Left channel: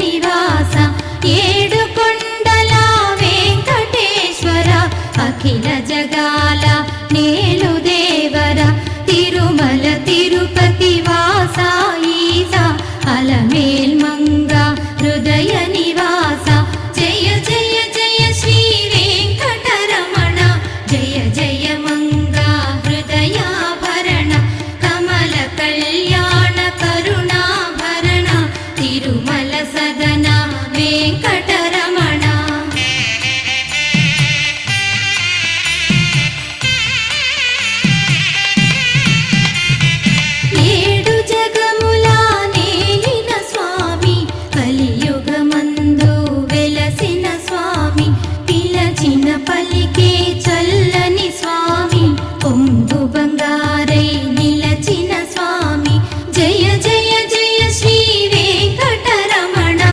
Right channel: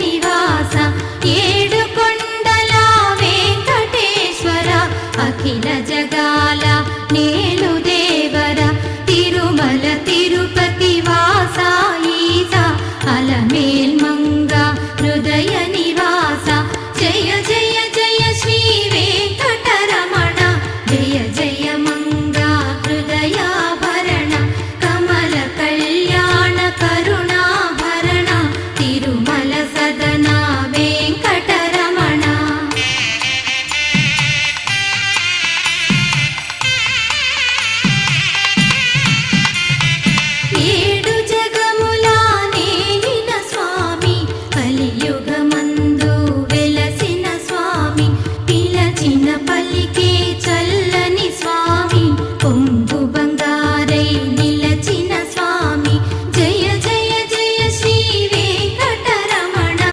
నివాస ఏడు కొండల వెంకటేశ్వర అఖిల జగాల నేలు దేవర తిరుమల తిరుపతి వాస ఈస అలమేల్ మంగ హృదయ నివాస జయ జయ జయ శ్రీ వెంకటరమణ జయ జయ మంగ హృదయాభరణ కమల కళ్యాణ కరుణాభరణ తిరుమల సదన వెంకటరమణ ఏడు జగముల నేలిన స్వామి కలియుగమందు వెలసిన స్వామి పిలచిన పలికే చల్ల